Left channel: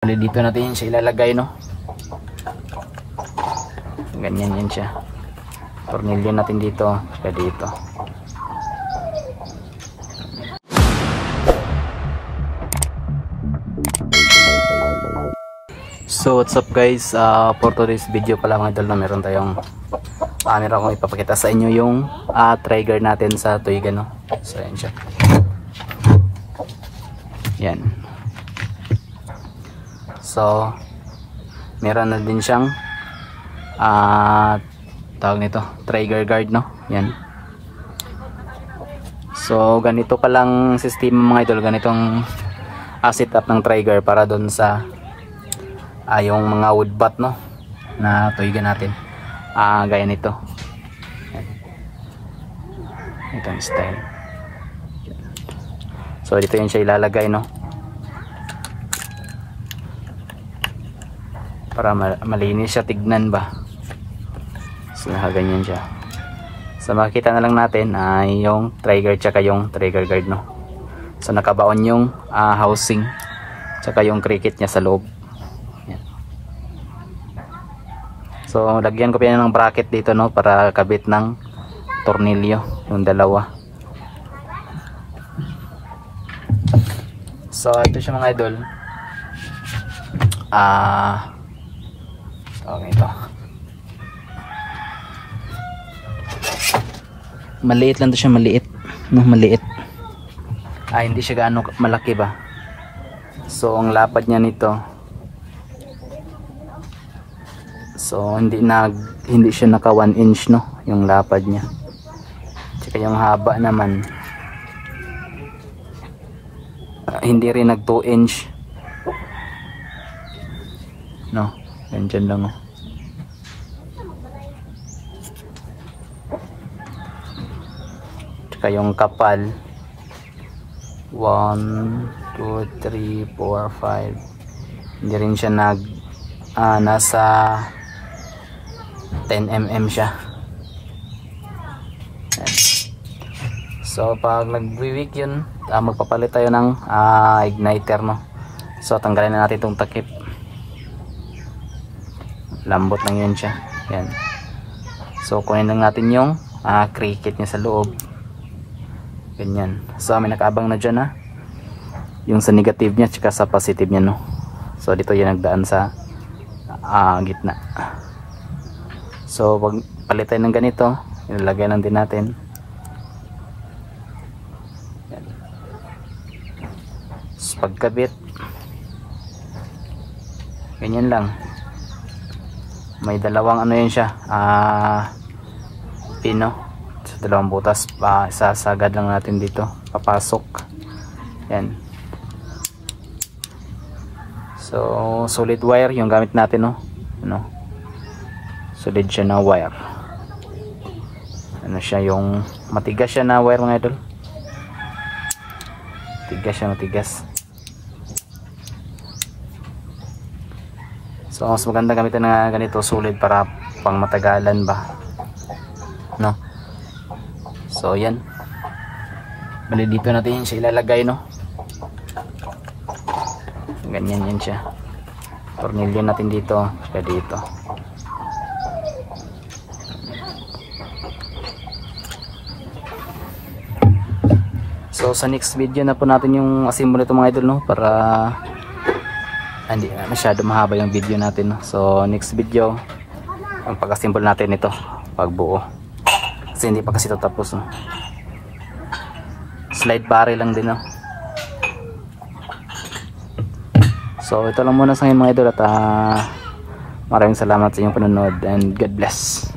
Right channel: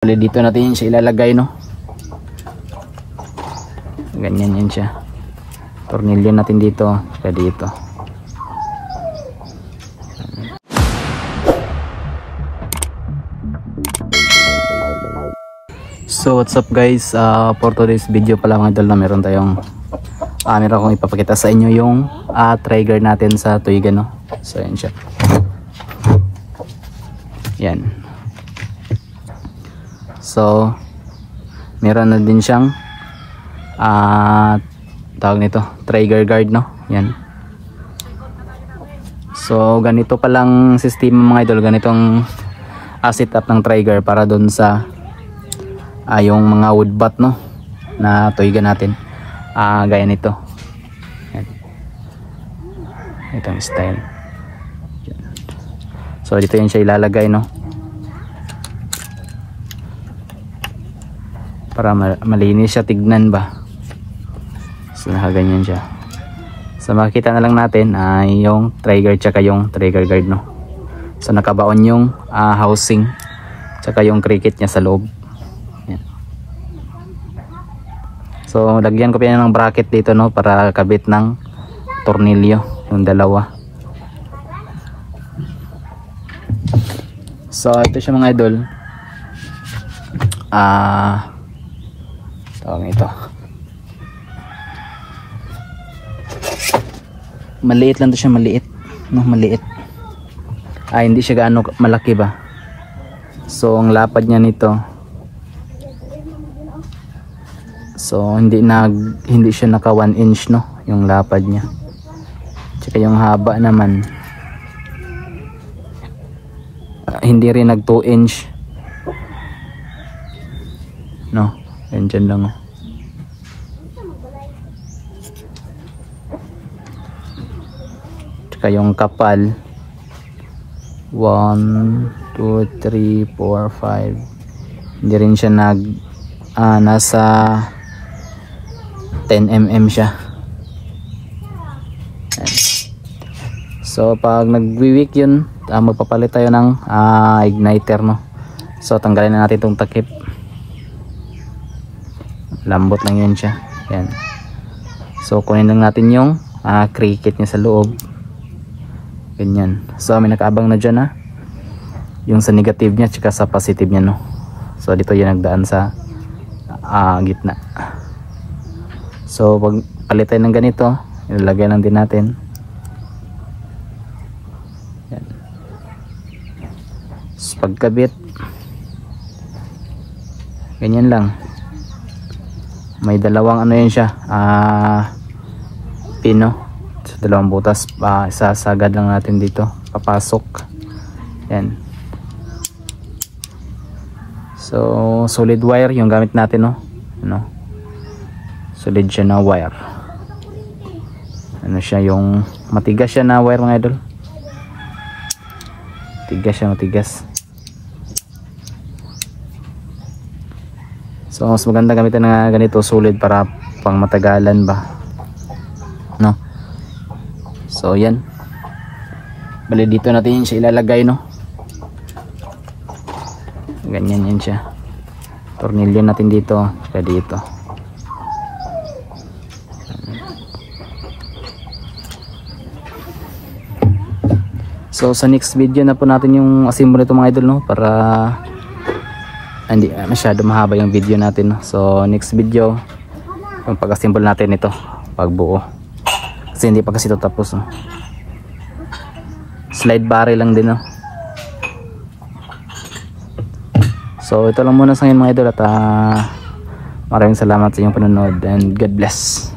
Dito natin siya ilalagay, no? Ganyan yan siya. Tornilyo natin dito, saka dito. So what's up guys, for today's video pala mga tol na meron tayong meron akong ipapakita sa inyo yung trigger natin sa tuigan, no? So yan siya. Yan. So meron na din siyang tawag nito, trigger guard, no? Yan. So ganito palang system mga idol, ganitong setup ng trigger para doon sa yung mga wood bat, no, na tuigan natin, gaya nito. Itong style. So dito yan siya ilalagay, no, para malinis siya tignan ba. So ganyan siya. So makikita na lang natin yung trigger tsaka yung trigger guard, no. So nakabaon yung housing tsaka yung cricket niya sa loob. So lagyan ko pa yan ng bracket dito, no, para kabit ng tornilyo yung dalawa. So ito siya mga idol. Tawag ito. Maliit lang to siya, maliit, no, maliit. Hindi siya gaano malaki ba. So ang lapad niya nito, so hindi siya naka 1 inch, no, yung lapad niya. Tsaka yung haba naman hindi rin nag 2 inch, no, dyan lang. Tsaka yung kapal 1, 2, 3, 4, 5 hindi rin siya nasa 10mm siya. So pag nagwi-weak yun, magpapalit tayo ng igniter, no. So tanggalin na natin itong takip. Lambot lang yun siya. Yan. So kunin lang natin yung cricket niya sa loob. Ganyan. So may nakaabang na dyan, yung sa negative niya tsaka sa positive niya, no. So dito yan nagdaan sa gitna. So pag palit tayo ng ganito, ilalagay lang din natin. Yan. So pagkabit, ganyan lang. May dalawang ano yun siya, pin, no? So dalawang butas, isasagad lang natin dito, papasok. Yan. So solid wire yung gamit natin, no? Solid siya na wire. Ano siya, yung matigas siya na wire mga idol. Matigas siya, matigas. So mas maganda gamitin na ganito, solid, para pang matagalan ba, no? So yan. Bali dito natin siya ilalagay, no? Ganyan yun siya. Tornilyo natin dito, saka dito. So sa next video na po natin yung assemble nito mga idol, no, para hindi masyado mahaba yung video natin, no? So next video yung pag-assemble natin ito, pagbuo, kasi hindi pa kasi ito tapos, no? Slide barrel lang din, no? So ito lang muna sa ngayon mga idol, at maraming salamat sa inyong panonood and God bless.